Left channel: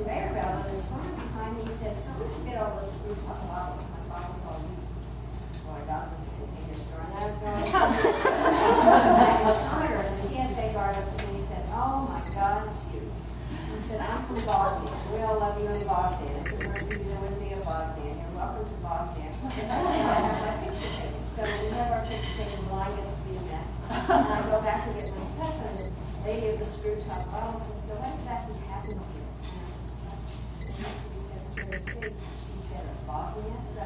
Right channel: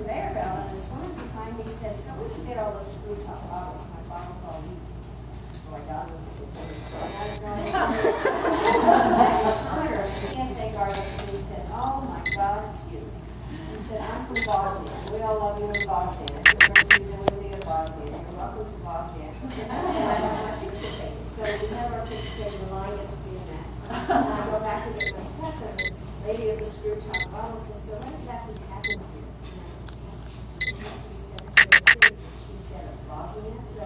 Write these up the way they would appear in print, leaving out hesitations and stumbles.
conveyor belt, and this woman behind me said, "So where'd you get all those screw top bottles? My bottles all new." Well, I got them into the store. And I was going to the TSA guard looked at me and said, "Oh my God, it's you." He said, "I'm from Bosnia. We all love you in Bosnia. If you were to wouldn't be in Bosnia. You're welcome to Bosnia." And I have my picture taken. So we have our picture taken. The line gets to be a mess. And I go back to get my stuff, and the lady at the screw top bottle says, "So what exactly happened here?" And I said, "It used to be Secretary of State." She said, "Of Bosnia?" So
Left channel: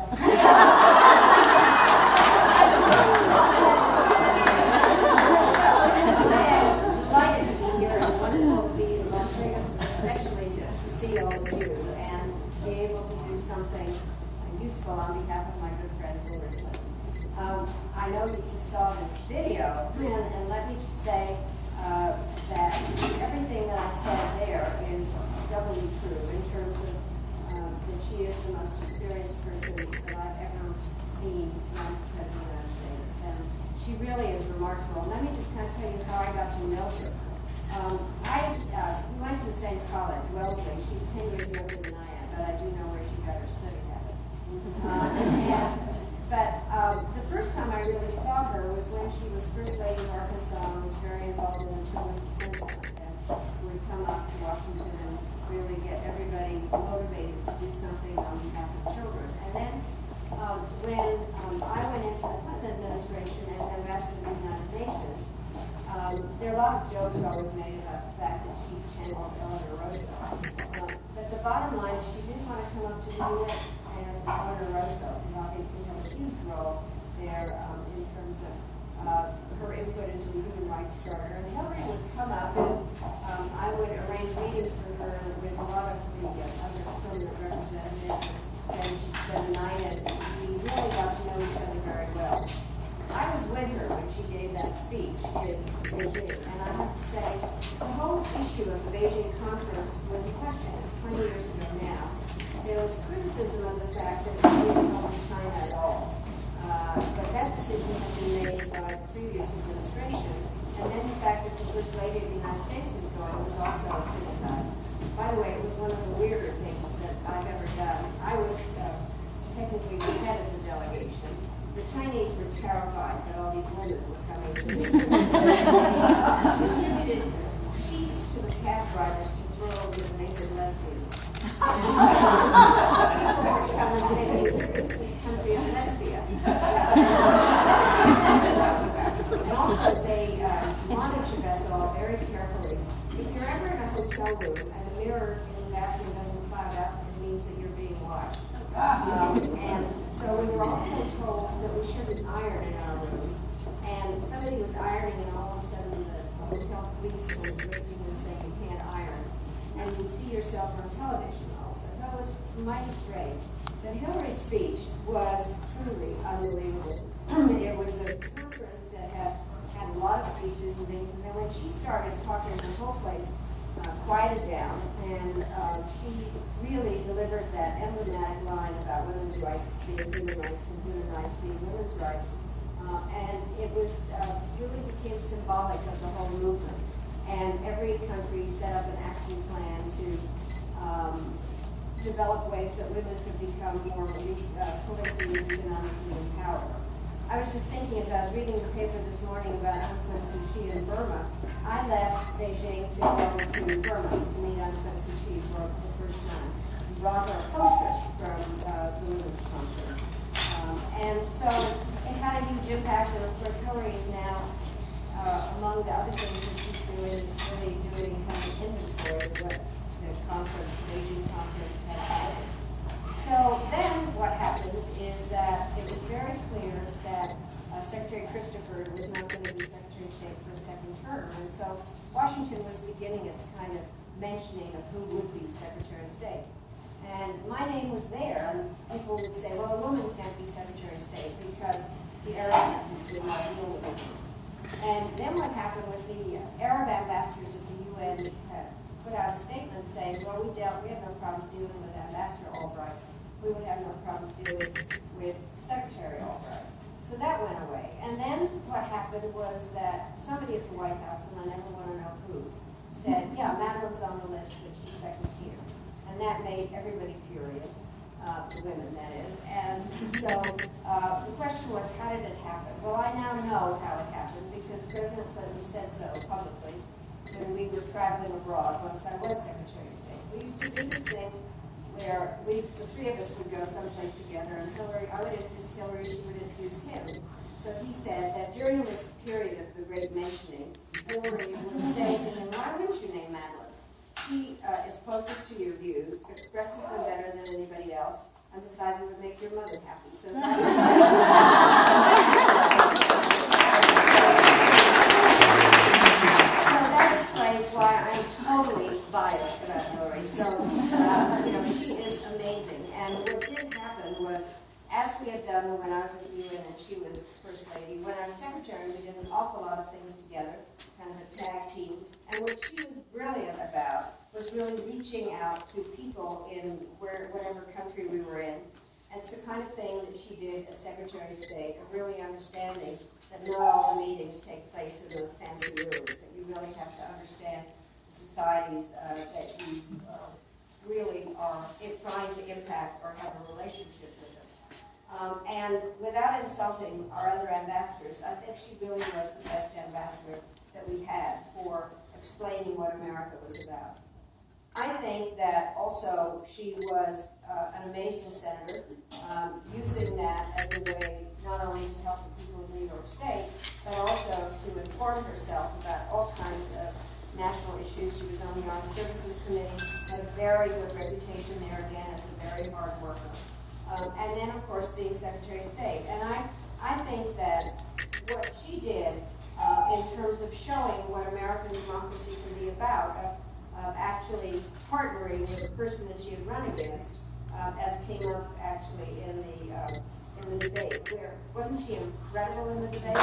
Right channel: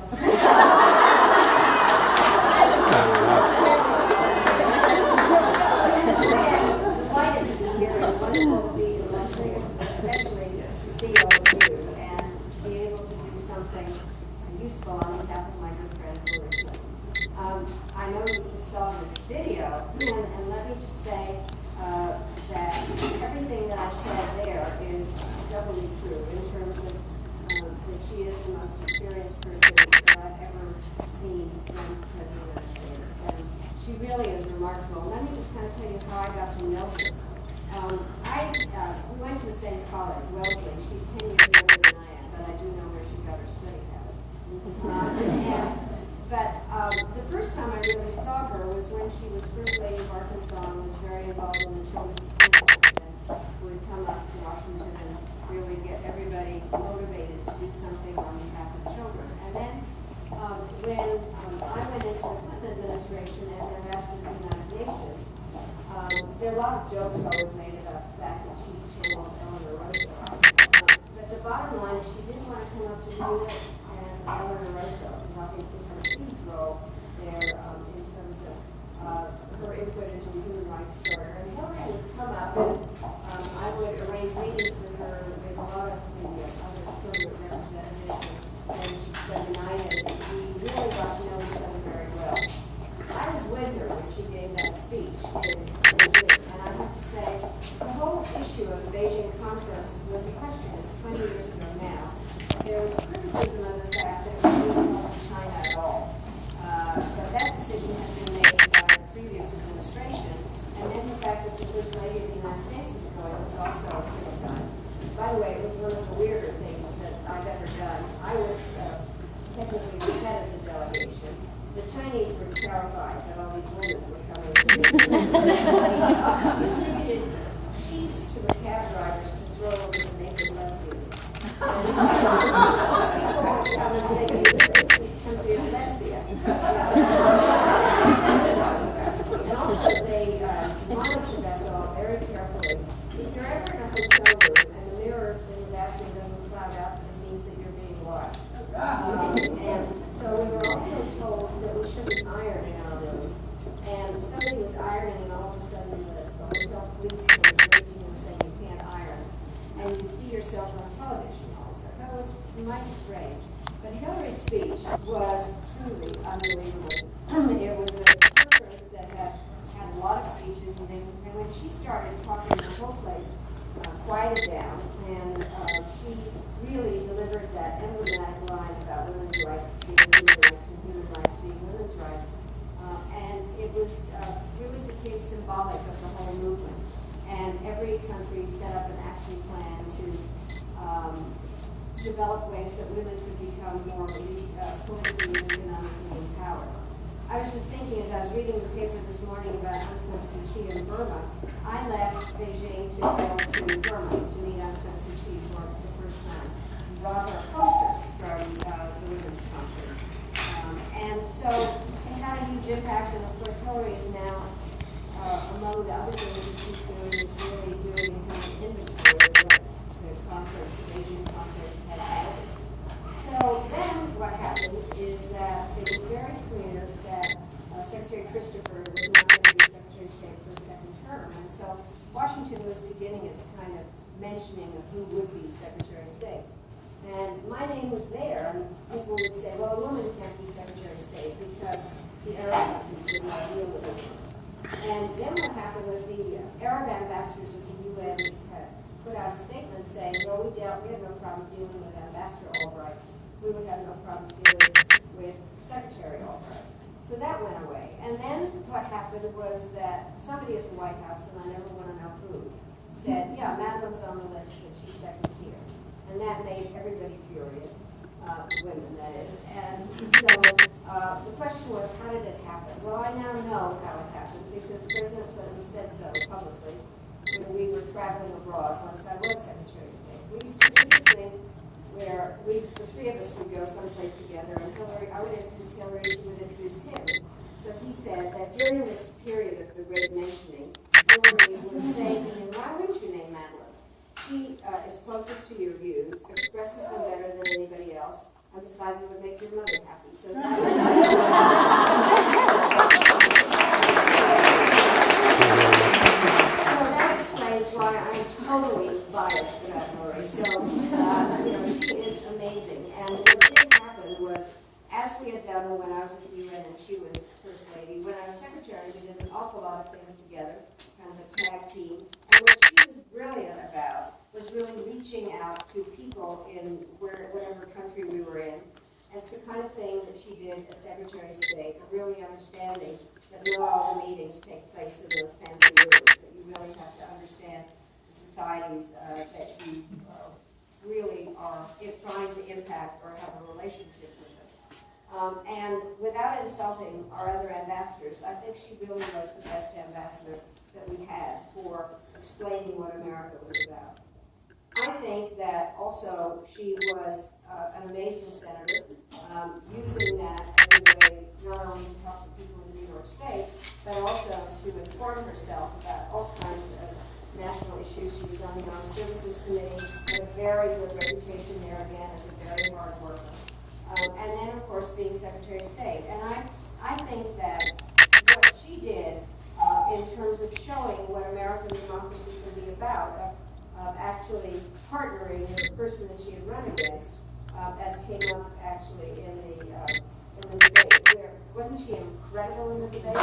delighted to be here and wonderful to be in Las Vegas, and especially to see all of you and be able to do something useful on behalf of my good friend Hillary Clinton. I know you just saw this video, and let me just say that everything that I said there is doubly true in terms of that she is the most experienced person that I've ever seen run President of the United States. And she really is remarkable. Let me just kind of tell you how I got to know her. We went to the same college, Wellesley. She's 10 years younger than I am, but I do know where she got her study habits. The first time I really saw her was when she was First Lady of Arkansas and was very involved in the Children's Defense Fund and would come up to Washington and really get everybody motivated to do something on behalf of children. And then when I went into the Clinton administration as ambassador to the United Nations, there are a lot of jokes always made about the fact that she channeled Eleanor Roosevelt. But the bottom line is she didn't want to come up to the unit, and Eleanor Roosevelt, who obviously had a huge role there in terms of her input into the Human Rights Charter. And Hillary would come up, and I would arrange meetings with her with a lot of the other permanent representatives, and she'd spend the night, and we really got to know each other very well. I was with her when she gave that speech in Beijing, and I have to say, the whole issue of the Beijing conference was a question. It's 20 years ago now. There was criticism of the fact that we didn't help China at all. But that decision had been made by the previous administration, and then the fact that the First Lady of the United States was going was also criticized. By the way, it was one of the weirder things that I've ever done. I was technically the head of the delegation. The Chinese were terrified that all these women were coming to distributed sheets to the cab drivers to throw over the naked lesbians. People would come and say, "You treat this country of lesbian." And also, they monitored us all very carefully. If you're ever in a hotel room and the mirror in the bathroom doesn't cloud out, it means that you're being watched. And so we were also told that we shouldn't iron in our rooms. And somebody was ironing, and all of a sudden the hotel police came raging and saying you can't iron. And you see yourself on television all of a sudden. That was mighty strange. But Hillary's speech was truly unbelievable. It was a conference that had a lot of speeches and things. And then when she started talking, the whole place quieted down, and she really delivered that emblematic line about women's rights being human rights and human rights being women's rights. And it was really became symbolic of the whole movement. And every country set up an action plan to develop ways that women could become more politically and economically empowered. I was just thinking as I was reading the paper this morning about Aung San Suu Kyi in Burma, I left Beijing to go to Burma to meet Aung San Suu Kyi for the first time. We brought her posters from the Women's Conference. And so it had a huge impact, and of course Hillary is now, among the other things that she's doing, is really doing kind of inventory of what the conference, the Beijing conference, had added. So then what happens is that it was very clear that Secretary Christopher was not going to be Secretary of State for a second term. And so Washington was beginning its kind of mentioning of who would be Secretary of State. And my name was there, and people would say, well, a woman can't be Secretary of State because the Arab countries did not deal with it. And then what happened was the Arab ambassadors of the UN had put out a statement saying, well, we have no problem dealing with Ambassador Albright. We would have no problems dealing with Secretary Albright. So that went away. And then what happened was that somebody at the White House, and I never want to know who, said, yeah, Madeleine's on the list, but she's second tier. And And that made everybody furious, the women, that is. And so the question was, how did it happen? Well, I now know how it happened because President Clinton said so publicly when we were traveling abroad once I was Secretary of State. We used to do this thing where the three of us would go someplace together, and I would introduce Hillary, she would introduce him. So he said that during this period of the great mentioning, Hillary would say to him, why wouldn't you name Madeleine? She is closest to your views, expresses them better than anybody else, and besides it would make your mother happy. So that was so that explains why I'm totally biased about Hillary. So, she is amazing. And what did happen was, as we had done when I was at the UN and she was First Lady, when I was Secretary, we did an awful lot of things together, kind of a tag team. And what she was brilliant about was really reaching out to people in whatever country we were in. And it's the kind of thing that she did as Secretary of State, of really understanding that not all the meetings take place in those fancy rooms, that you really have to understand the societies that you really are trying to impact or have a relationship with them. And without insulting our other ambassadors, I think she really was the best ambassador that we had for explaining what America was about. I think that also she was an amazing senator, using that as a way not only to help the people in New York State, but also to inform herself about all kinds of national issues. She was on the Armed Services Committee, had a very good reputation there again as a very hard worker. And then, of course, being Secretary of State. And I think that what she did in terms of showing what American democracy can be about, of actually partnering with the person that she had run against, as came up actually in the debate. Where wasn't she incredible in the debate? As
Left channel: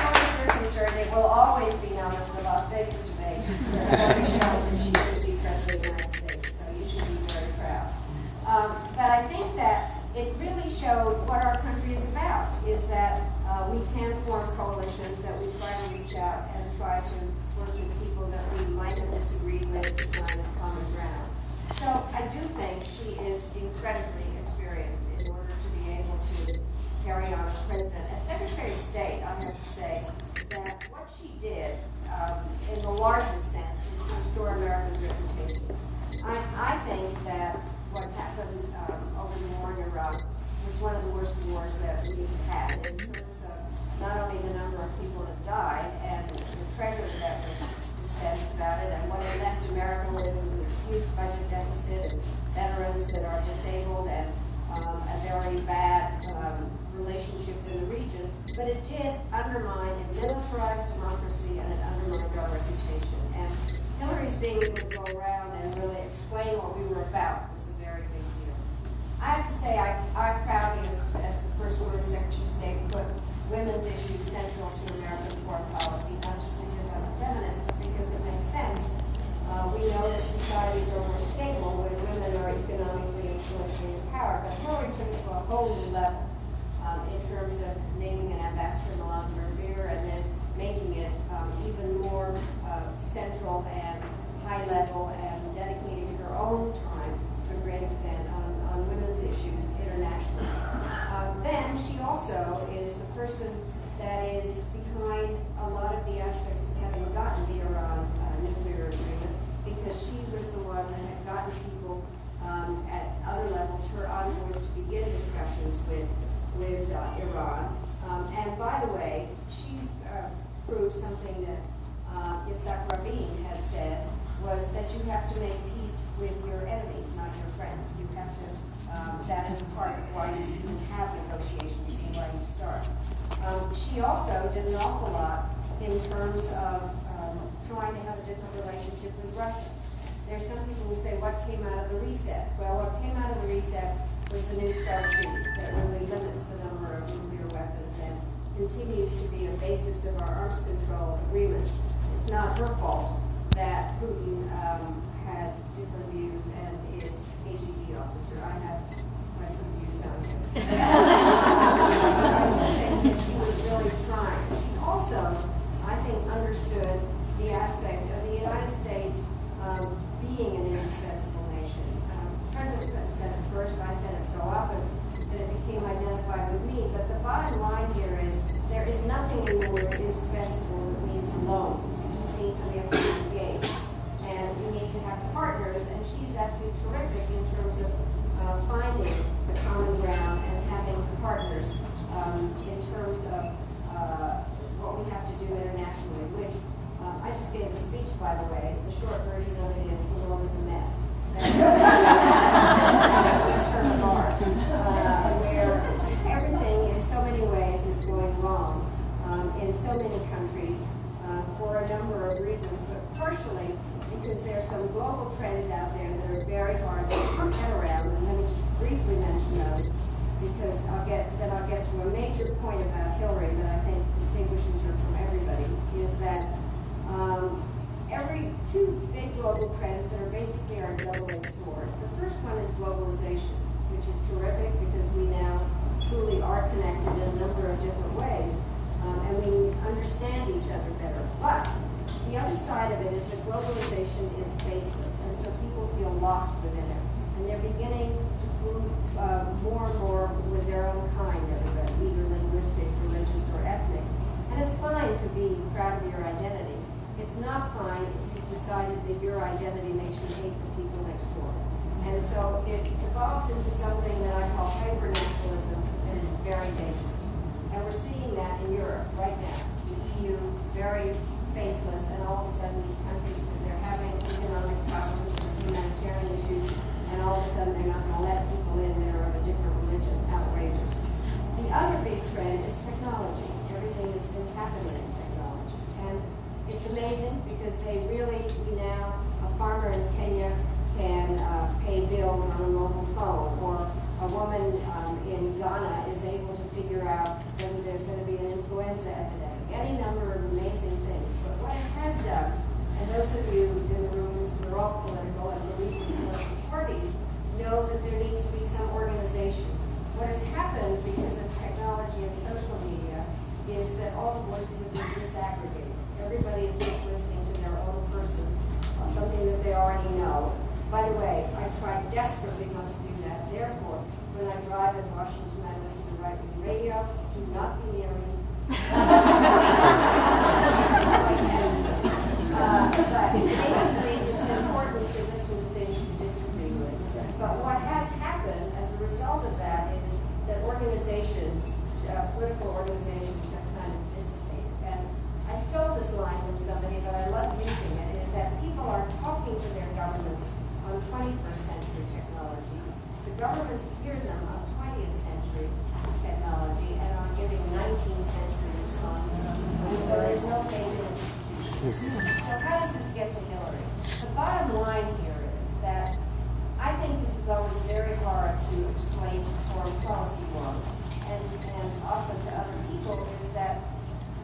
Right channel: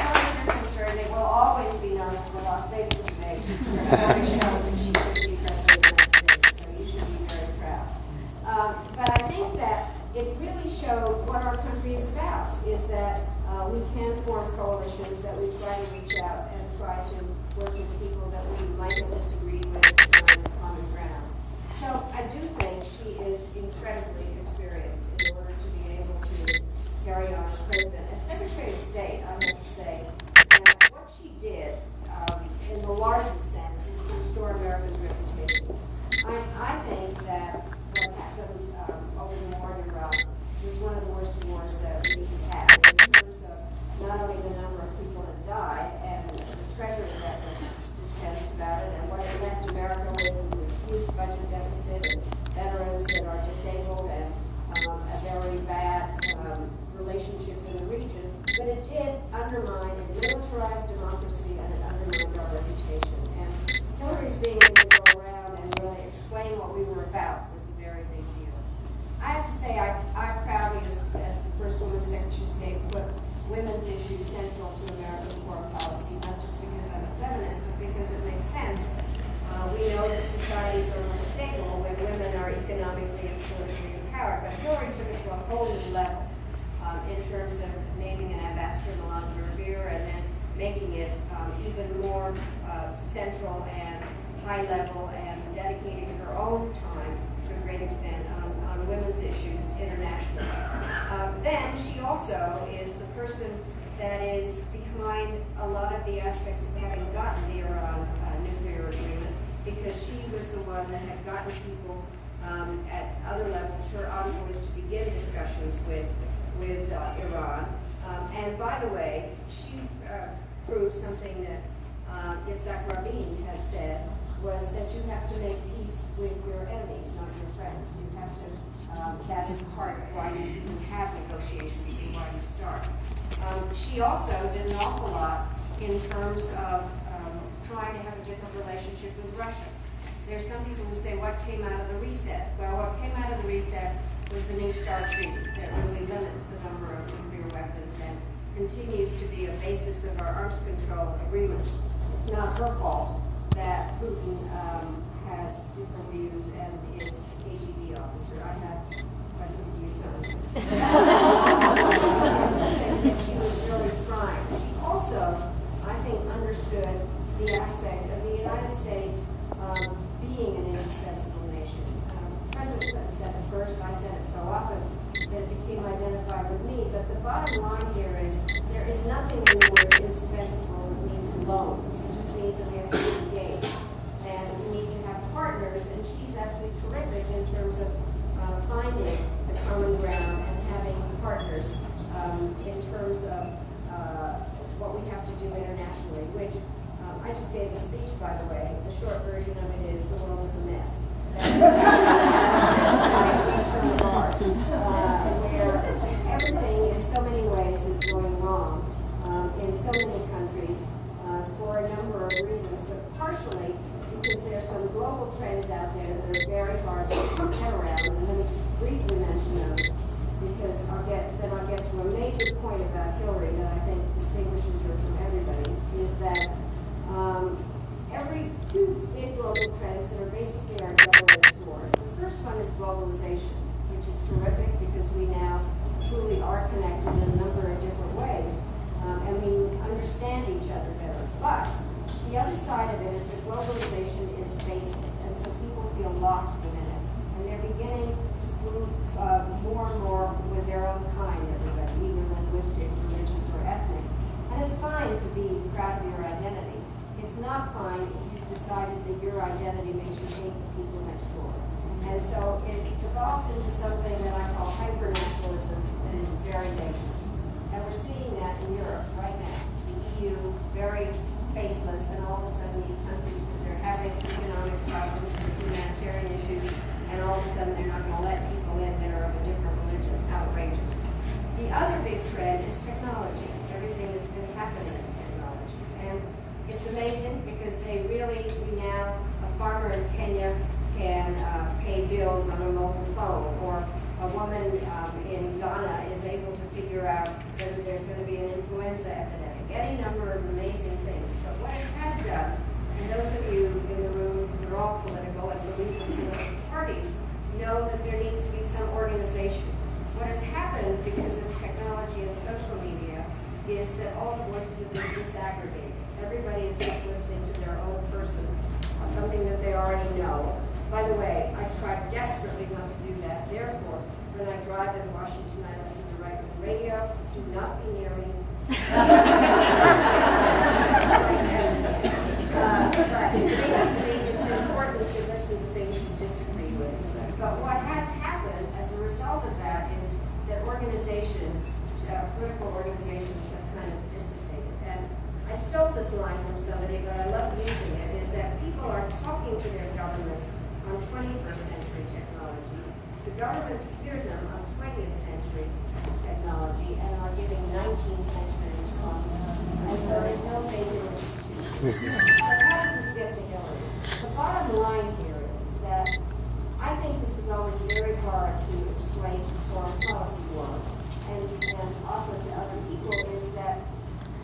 far as you're concerned, it will always be known as the Las Vegas debate, where Hillary showed that she could be President of the United States. So you should be very proud. But I think that it really showed what our country is about, is that we can form coalitions, that we try to reach out and try to work with people that we might have disagreed with to find common ground. So I do think she is incredibly experienced in order to be able to carry on as president. As Secretary of State, I have to say that what she did in the largest sense was to restore America's reputation. I think that what happened over the war in Iraq was one of the worst wars that we had in terms of not only the number of people that died and the treasure that was dispensed about it and what it left America with a huge budget deficit and veterans that are disabled and a very bad relationship in the region. But it did undermine and militarize democracy, and it undermined our reputation. And Hillary's being able to go around and really explain what we were about was a very big deal. I have to say, I proudly, as the first woman Secretary of State, put women's issues central to American foreign policy, not just because I'm a feminist, but because it makes sense. We know that societies are more stable when women are economically and politically empowered, but Hillary took it to a whole new level in terms of naming an ambassador, Melania Rivera, and then making it even more central and high level and dedicating her own time to a great extent on women's issues internationally. Then she also is the person that is behind a lot of the aspects of having gotten the Iran nuclear agreement, because she was the one that had gotten people at other levels, her envoys, to begin discussions with Iran. And by the way, she proved something that Yitzhak Rabin had said, was that you have to make peace with your enemies, not your friends. You have to, that is part of why you have negotiations and why you start. She also did an awful lot in terms of trying to have a different relationship with Russia. There's some people who say, what came out of the reset? Well, what came out of the reset was the New START treaty that really limits the number of nuclear weapons and continues to be a basis of our arms control agreements. It's not her fault that Putin has different views and is AGD officer. I have different views on it. She was really trying. She also, I think, understood the aspect of the United States being an indispensable nation. President Clinton said it first, I said it so often that it became identified with me, but the bottom line here is there is nothing in the word indispensable that means alone. It just means that we have to be engaged. And we need to have partners, and she's absolutely terrific in terms of finding the common ground and having partners in terms of what we have to do internationally, which I just gave a speech, by the way. The short version of it is the world is a mess. Term of art, where everything in so many ways is going wrong in so many countries for a number of reasons, but partially because there are some global trends out there that are very hard to get around. And let me just briefly mention those, because I'll get to a major point about Hillary that I think distinguishes her from everybody, is that every two big global trends that are basically our double-edged sword. The first one is globalization, which is terrific because we now truly are connected in a number of different ways, and we understand each other better. But the other side of it is that globalization is faceless, and so people feel lost within it. And they're beginning to group more and more with their own kind, everybody, either linguistic, religious, or ethnic. And it's fine to be proud of your identity. It's not fine if you've decided that your identity makes you hate the people next door. And so it evolves into something that I call hyper-nationalism, and is very dangerous. And we're seeing that in Europe right now. The EU, very faceless, and all of a sudden these countries, because they're having economic problems and humanitarian issues, and all of a sudden they're not going to let people in that are of a different religion. Outrageous. The other big trend is technology. Everything that's been happening in technology. And it's amazing because we now, a farmer in Kenya can pay bills on a mobile phone, or a woman in Ghana is able to figure out whether there's going to be an influenza epidemic. Any number of amazing things. But what it has done, and those of you in the room who are all political and believe in political parties know that there needs to be some organization. What has happened because of technology and social media is that all the voices have been disaggregated. Everybody is just listening to their own person, something that they already know. By the way, I try desperately not to do that. Therefore, when I drive in Washington, I listen to right-wing radio. Do not be near me. But basically, it's important to listen to things you disagree with. But what has happened as a result of that is that organizations, political organizations, have kind of dissipated. And I stole this line from somebody, but I love using it, is that people are talking to their governments on 21st century technology. The governments hear them on 20th century technology and are giving 19th century responses. And so there's no faith in institutions. So how does this get to Hillary? The bottom line here is that I think this is always very hard to explain to foreign policy world and offer to other people, is that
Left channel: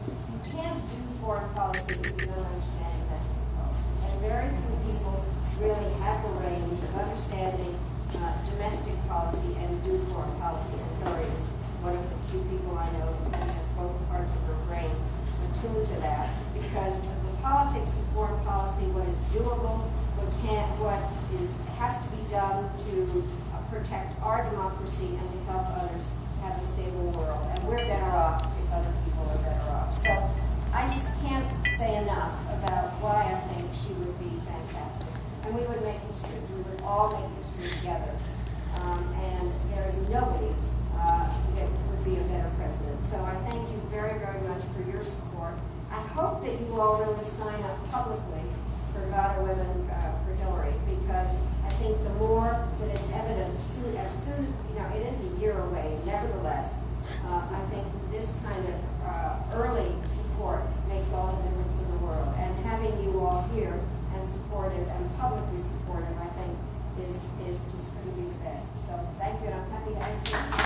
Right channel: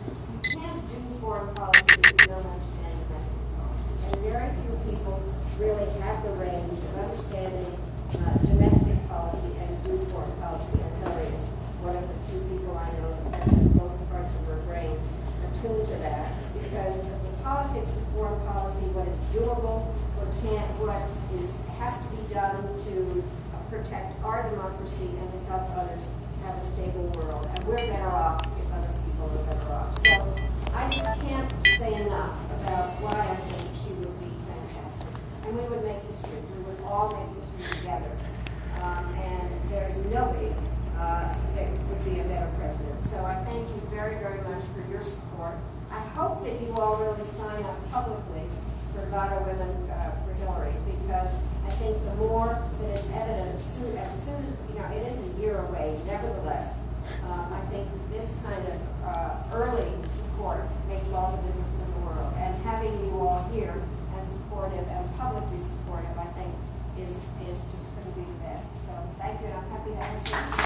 you can't do foreign policy if you don't understand domestic policy. And very few people really have the range of understanding domestic policy and do foreign policy. And Hillary is one of the few people I know that has both parts of her brain attuned to that, because the politics of foreign policy, what is doable, what has to be done to protect our democracy and to help others have a stable world. And we're better off if other people are better off. So I just can't say enough about why I think she would be fantastic. And we would make history. We would all make history together. And there's nobody that would be a better president. So I thank you very, very much for your support. I hope that you all really sign up publicly for Nevada Women for Hillary, because I think the more that it's evident, as soon as it is a year away, nevertheless, I think this kind of early support makes all the difference in the world. And having you all here and supportive and publicly supportive, I think, is just going to be the best. So thank you, and I'm happy to answer this.